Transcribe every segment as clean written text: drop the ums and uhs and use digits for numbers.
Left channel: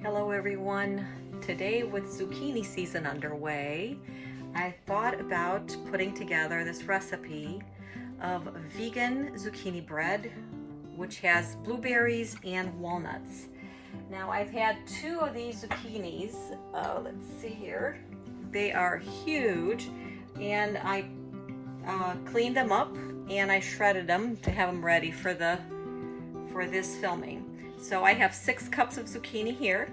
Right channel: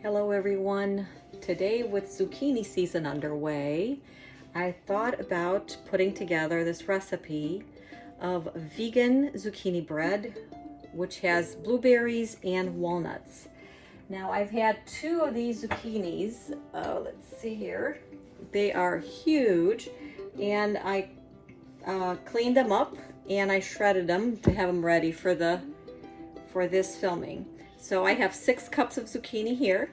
Hello everyone. Today with zucchini season underway, I thought about putting together this recipe of vegan zucchini bread, which has blueberries and walnuts. Now I've had two of these zucchinis, let's see here. They are huge, and I cleaned them up and I shredded them to have them ready for this filming. So I have 6 cups of zucchini here,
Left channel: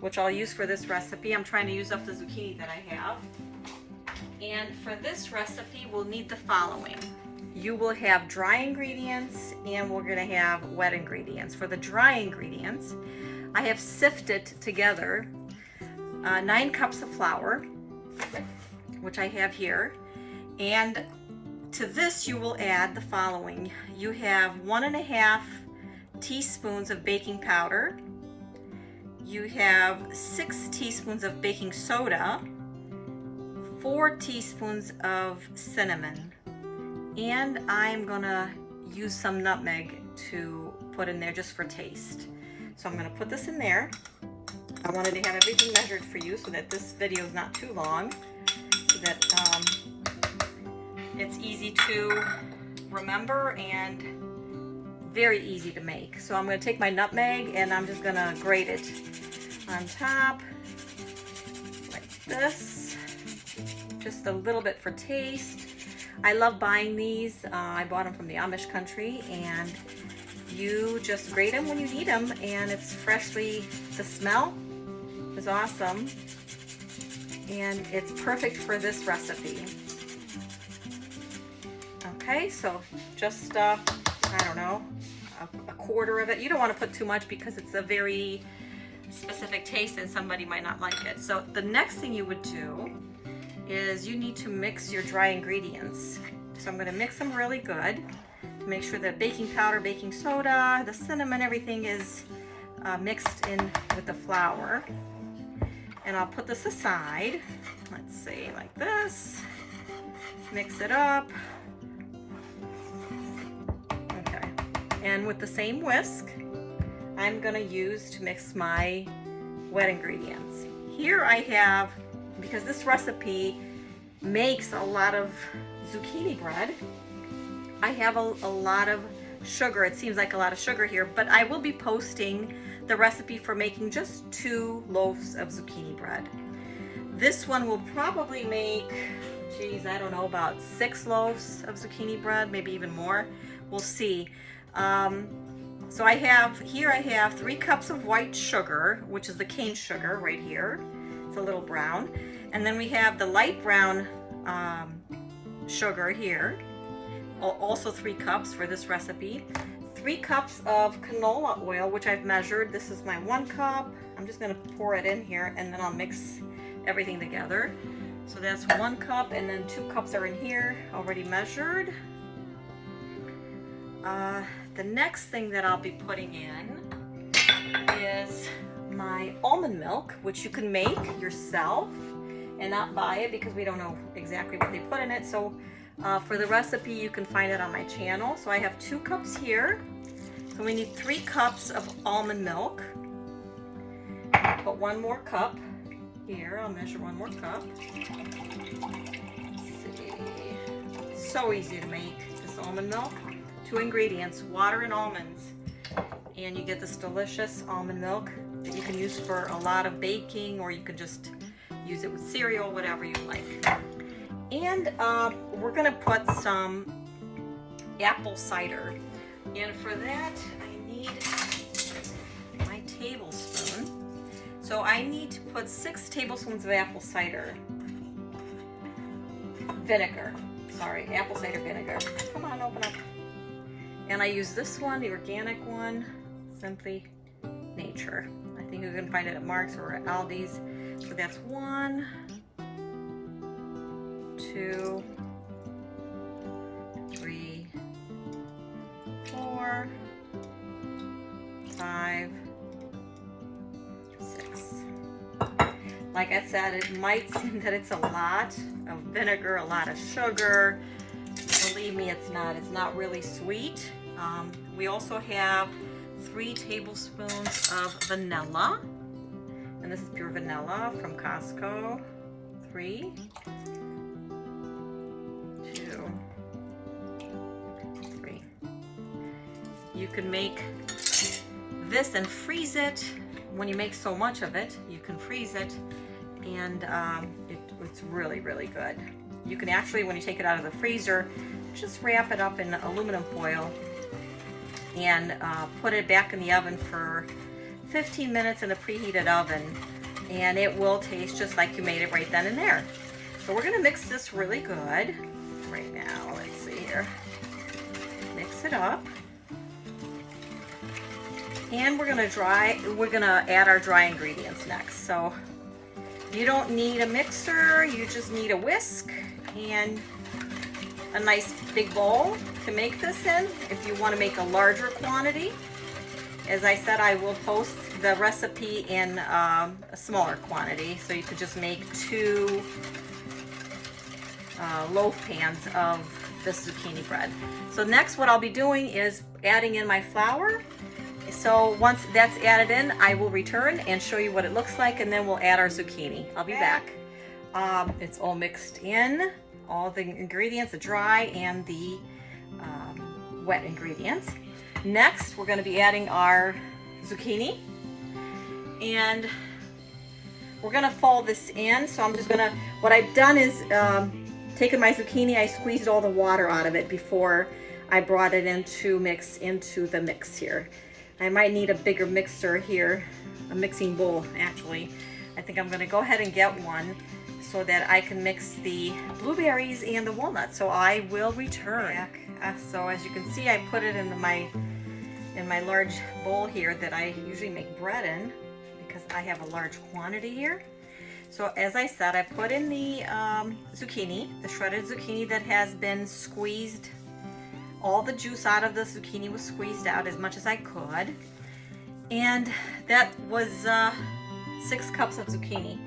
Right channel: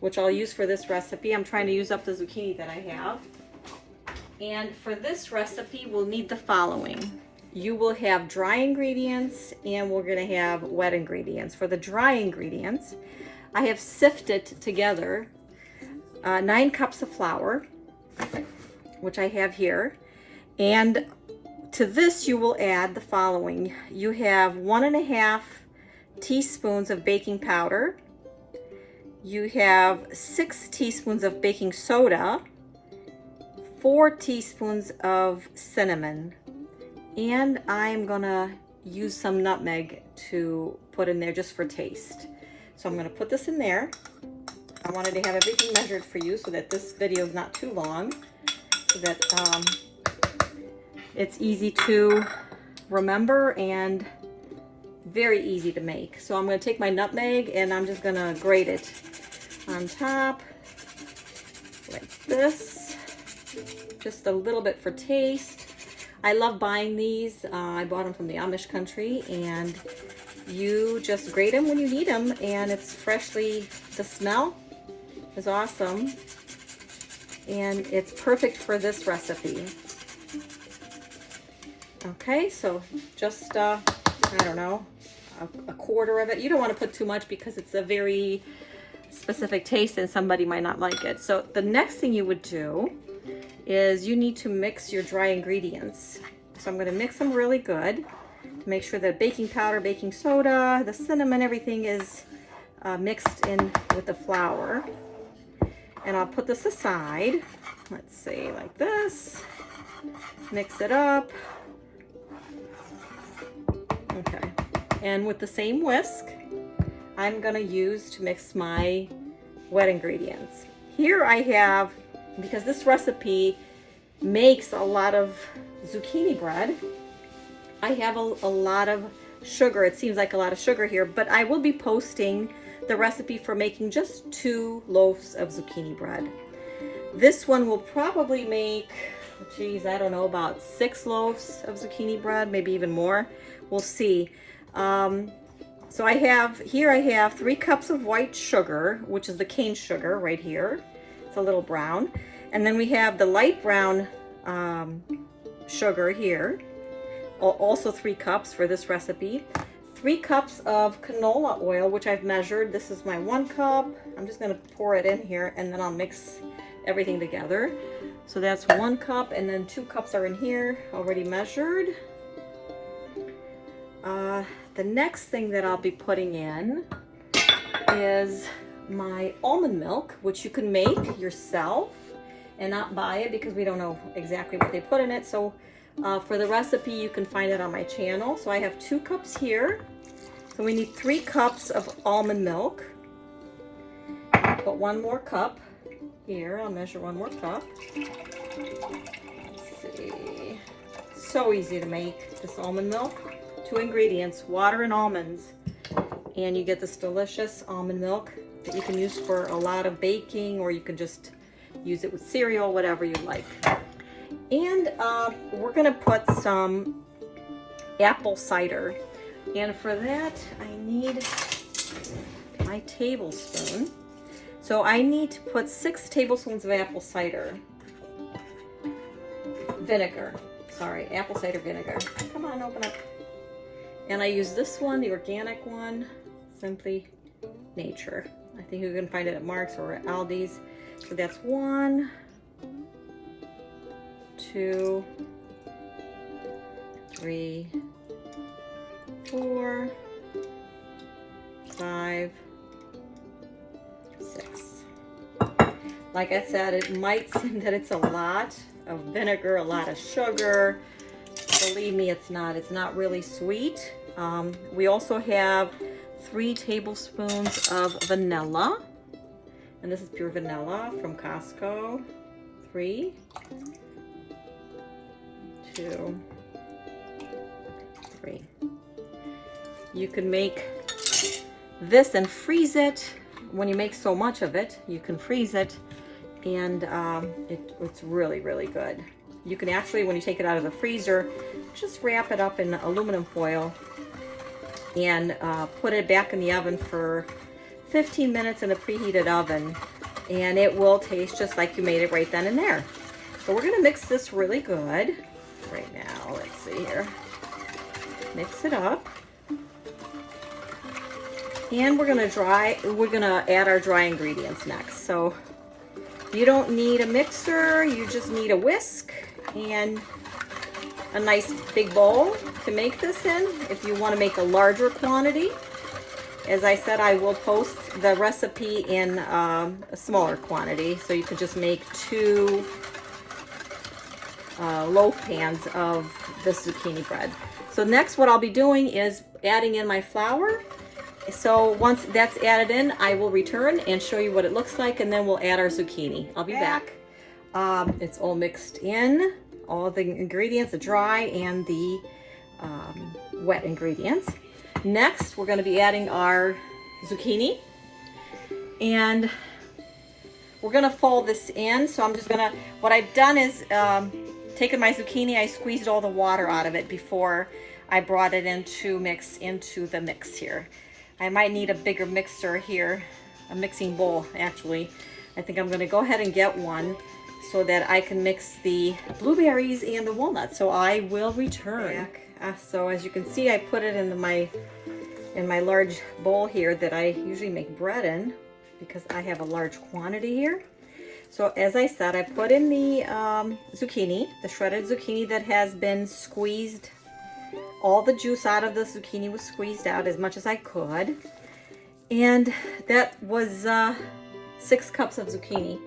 which I'll use for this recipe. I'm trying to use up the zucchini that I have. And for this recipe, we'll need the following. You will have dry ingredients and we're gonna have wet ingredients. For the dry ingredients, I have sifted together 9 cups of flour, which I have here. And to this, you will add the following. You have 1.5 teaspoons of baking powder. You have 6 teaspoons of baking soda, 4 teaspoons of cinnamon, and I'm gonna use some nutmeg to put in there just for taste. So I'm gonna put this in there. I wanted to have everything measured for you so that this video is not too long, so that it's easy to remember and very easy to make. So I'm going to take my nutmeg and I'm just going to grate it on top like this, just a little bit for taste. I love buying these. I bought them from the Amish country, and you just grate them when you need them, and it's freshly, the smell is awesome, and it's perfect for this recipe. Okay, so just I don't know, a quarter of it. You don't want to put too much because it's a very specific taste and somebody might not like it. So the next thing you would do is you need to mix your dry ingredients. So I'm going to mix them really good to make sure that baking powder, baking soda, the cinnamon, everything is mixed in with the flour. And I'll put this aside. Let's see, like this. Mix it up. Okay, and with the same whisk, I'm gonna use to mix my wet ingredients. Here I have, because this recipe makes a lot of zucchini bread, I have a lot of sugar. It seems like a lot of sugar here, but I will be posting the recipe for making just 2 loaves of zucchini bread. This one will probably make, geez, I don't know, about 6 loaves of zucchini bread, maybe even more. We'll see. So I have 3 cups of white sugar, which is the cane sugar right here. It's a little brown. And then we have the light brown sugar here. Also 3 cups for this recipe. 3 cups of canola oil, which I've measured. This is my 1 cup. I'm just gonna pour it in here and then I'll mix everything together. So that's 1 cup, and then 2 cups are in here, already measured. The next thing that I'll be putting in is my almond milk, which you can make yourself and not buy it because we don't know exactly what they put in it. So for the recipe, you can find it on my channel. So I have 2 cups here. So we need 3 cups of almond milk. I'll put 1 more cup here. I'll measure 1 more cup. Let's see. So easy to make this almond milk. 2 ingredients, water and almonds, and you get this delicious almond milk that you can use for a lot of baking, or you can just use it with cereal, whatever you like. And we're gonna put some apple cider, and for that I need my tablespoon. So I need to put 6 tablespoons of apple cider vinegar. Sorry, apple cider vinegar. Come on, open up. And I use this one, the organic one, Simply Nature. I think you can find it at Mark's or at Aldi's. So that's 1, 2, 3, 4, 5, 6. Like I said, it might seem that it's a lot of vinegar, a lot of sugar. Believe me, it's not. It's not really sweet. We also have 3 tablespoons of vanilla. And this is pure vanilla from Costco. 3, 2, 3. You can make this and freeze it. When you make so much of it, you can freeze it, and it's really, really good. You can actually, when you take it out of the freezer, just wrap it up in aluminum foil and put it back in the oven for 15 minutes in a preheated oven, and it will taste just like you made it right then and there. So we're gonna mix this really good right now. Let's see here. Mix it up. And we're gonna add our dry ingredients next. So you don't need a mixer, you just need a whisk and a nice big bowl to make this in. If you want to make a larger quantity, as I said, I will post the recipe in a smaller quantity, so you could just make 2 loaf pans of this zucchini bread. So next what I'll be doing is adding in my flour. So once that's added in, I will return and show you what it looks like, and then we'll add our zucchini. I'll be back. It's all mixed in, all the ingredients, the dry and the wet ingredients. Next, we're going to be adding our zucchini, and we're going to fold this in. So I'm just going to, what I've done is taken my zucchini, I squeezed all the water out of it before I brought it in to mix into the mix here. I might need a bigger mixer here, a mixing bowl actually. I think I'm going to go ahead and get one so that I can mix the blueberries and the walnuts. So I will return. So as you can see, I put it in my large bowl here that I usually make bread in, because I have a large quantity here. So as I said, I put in the zucchini, the shredded zucchini that has been squeezed. All the juice out of the zucchini was squeezed out as much as I could. And that was 6 cups of zucchini.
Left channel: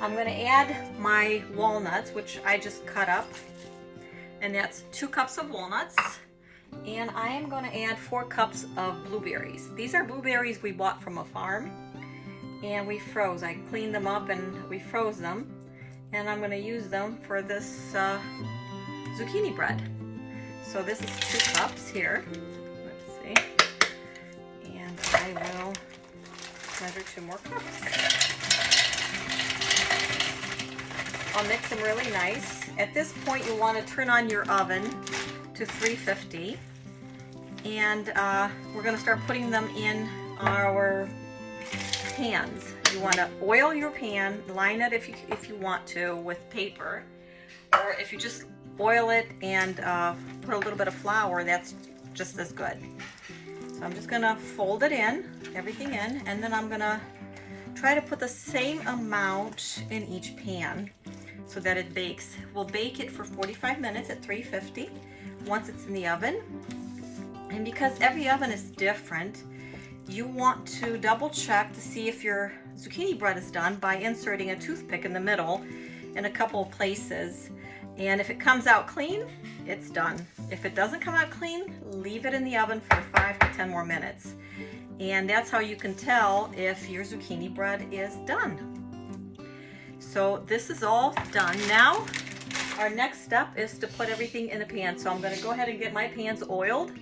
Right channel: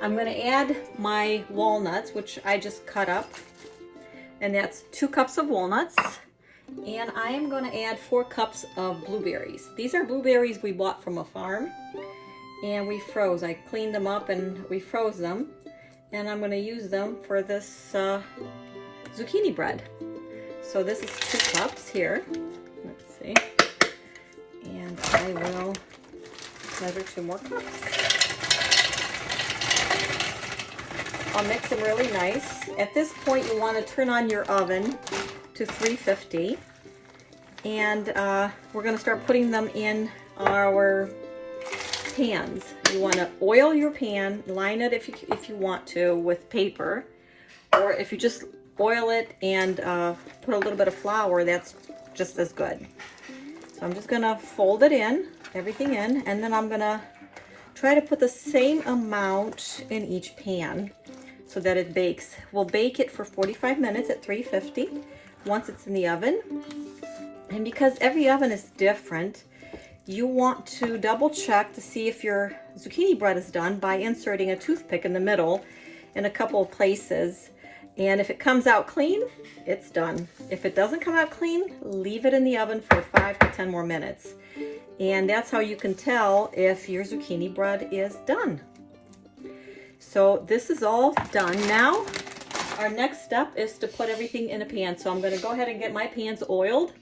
I'm going to add my walnuts, which I just cut up. And that's 2 cups of walnuts. And I am going to add 4 cups of blueberries. These are blueberries we bought from a farm. And we froze. I cleaned them up and we froze them. And I'm going to use them for this zucchini bread. So this is 2 cups here. Let's see. And I will measure 2 more cups. I'll mix them really nice. At this point, you want to turn on your oven to 350. And we're going to start putting them in our pans. You want to oil your pan, line it if you want to with paper, or if you just oil it and put a little bit of flour, that's just as good. So I'm just gonna fold it in, everything in, and then I'm gonna try to put the same amount in each pan so that it bakes. We'll bake it for 45 minutes at 350 once it's in the oven. And because every oven is different, you want to double check to see if your zucchini bread is done by inserting a toothpick in the middle in a couple of places. And if it comes out clean, it's done. If it doesn't come out clean, leave it in the oven for 5 to 10 more minutes. And that's how you can tell if your zucchini bread is done. So this is all done. Now, our next step is to put everything in a pan. So I'm gonna go ahead and get my pans oiled,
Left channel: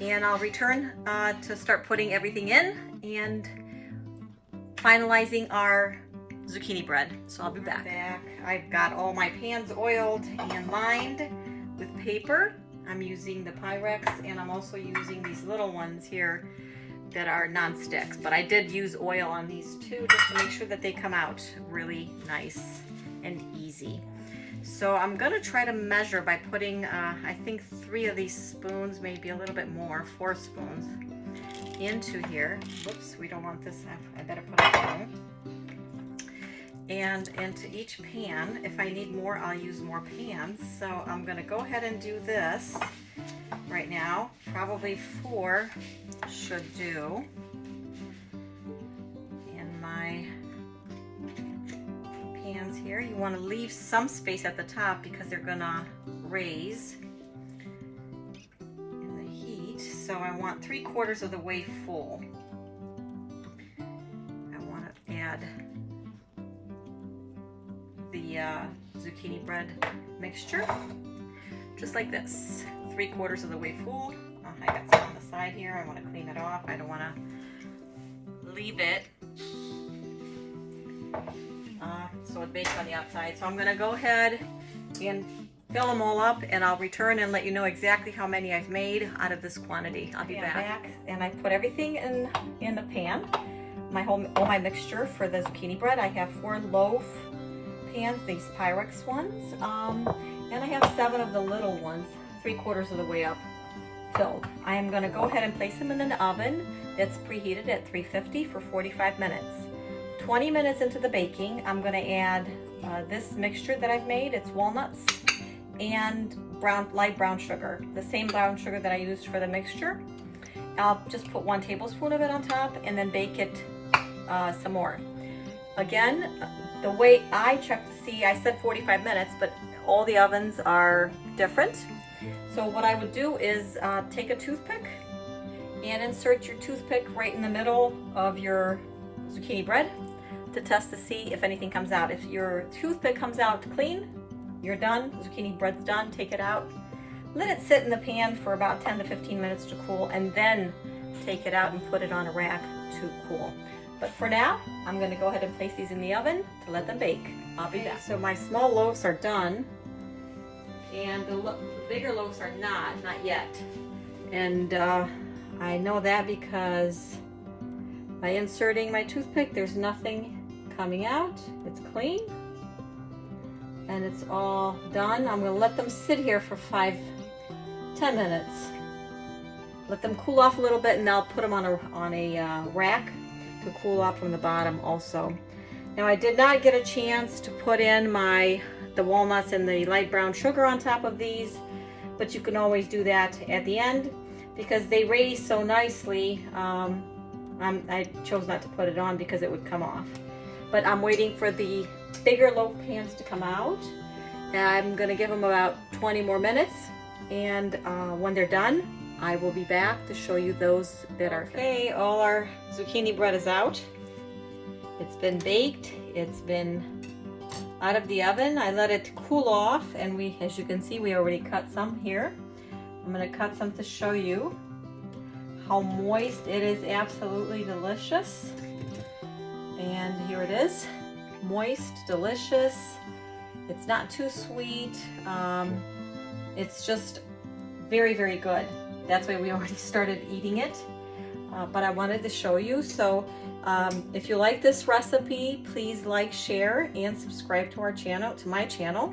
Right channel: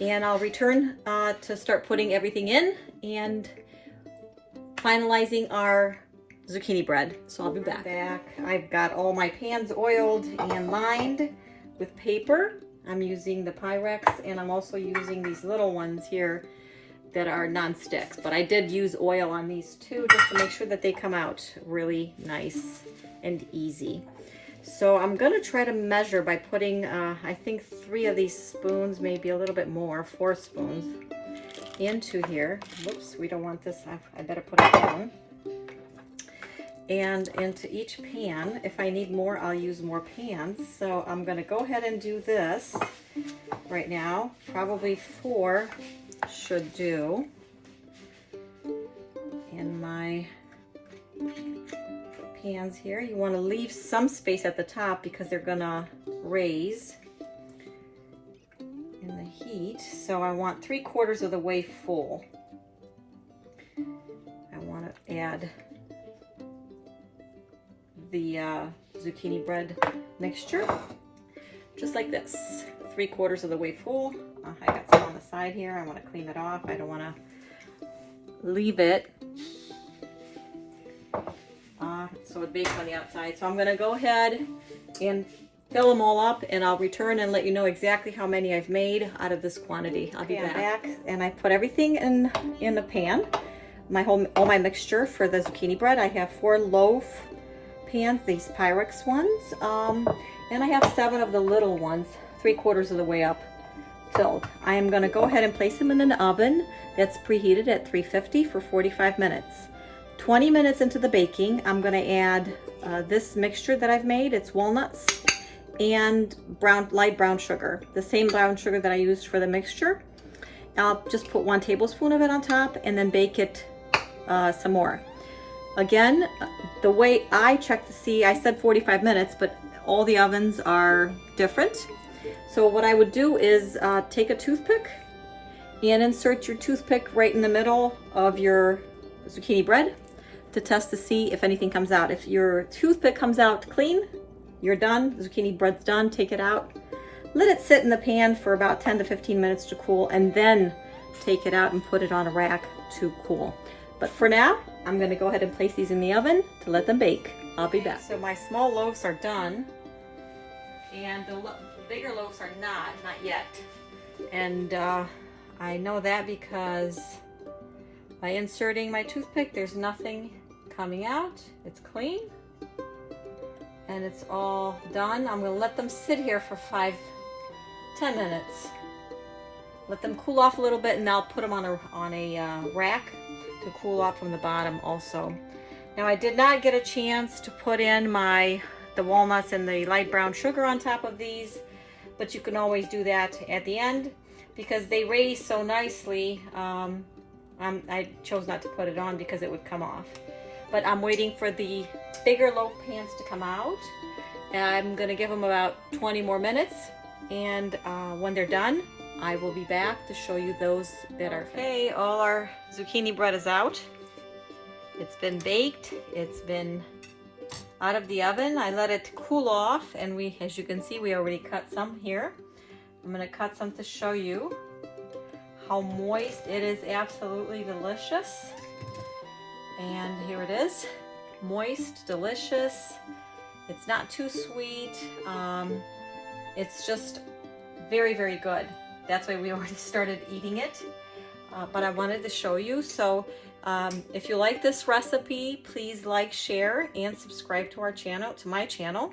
and I'll return to start putting everything in and finalizing our zucchini bread. So I'll be back. I've got all my pans oiled and lined with paper. I'm using the Pyrex, and I'm also using these little ones here that are non-sticks, but I did use oil on these too just to make sure that they come out really nice and easy. So I'm gonna try to measure by putting I think 3 of these spoons, maybe a little bit more, 4 spoons into here. Whoops, we don't want this. I better put it down. And into each pan. If I need more, I'll use more pans. So I'm gonna go ahead and do this right now. Probably 4 should do. In my pans here, you want to leave some space at the top because they're gonna raise in the heat. So I want 3/4 of the way full. I want to add the zucchini bread mixture, just like this. 3/4 of the way full. I got some on the side here. I want to clean it off. I don't want to leave it so it bakes on the outside. So I'm going to go ahead and fill them all up, and I'll return and let you know exactly how many I've made out of this quantity. I'll be back. And I put everything in the pan. All my mixture for the zucchini bread. I have 4 loaf pans, these Pyrex ones, and I have 7 of the little ones, 3/4 of the way up filled. I am going to go ahead and place them in an oven that's preheated at 350 for 45 minutes. 20 minutes into the baking, I'm going to add this mixture that I've made. It's walnuts and light brown sugar, the same brown sugar that I used for the mixture. I'll just put 1 tablespoon of it on top and then bake it some more. Again, the way I check to see, I said 45 minutes, but all the ovens are different. So what I would do is take a toothpick and insert your toothpick right in the middle of your zucchini bread to test to see if anything comes out. If your toothpick comes out clean, you're done. Zucchini bread's done. Take it out. Let it sit in the pan for about 10 to 15 minutes to cool, and then take it out and put it on a rack to cool. But for now, I'm going to go ahead and place these in the oven to let them bake. I'll be back. So my small loaves are done, and the bigger loaves are not yet. And I know that because by inserting my toothpick, there's nothing coming out. It's clean. And it's all done. I'm going to let them sit here for 5-10 minutes. Let them cool off a little bit, and I'll put them on a rack to cool off from the bottom also. Now I did not get a chance to put in the walnuts and the light brown sugar on top of these, but you can always do that at the end because they raise so nicely. I chose not to put it on because it would come off. But I'm waiting for the bigger loaf pans to come out, and I'm gonna give them about 20 more minutes, and when they're done, I will be back to show you those that are okay. All our zucchini bread is out. It's been baked. It's been out of the oven. I let it cool off, and as you can see, we already cut some here. I'm gonna cut some to show you how moist it is. Absolutely delicious. And here it is, moist, delicious. It's not too sweet. It's just very, very good. That's why we already started eating it. But I wanted to show you. So if you like this recipe, please like, share, and subscribe to our channel, to my channel,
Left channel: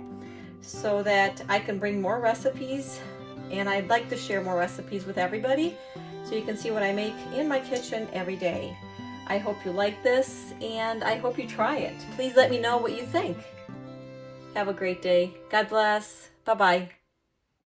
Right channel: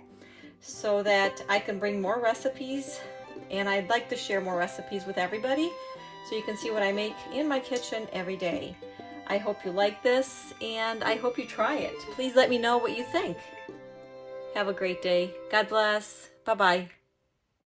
so that I can bring more recipes. And I'd like to share more recipes with everybody, so you can see what I make in my kitchen every day. I hope you like this, and I hope you try it. Please let me know what you think. Have a great day. God bless. Bye-bye.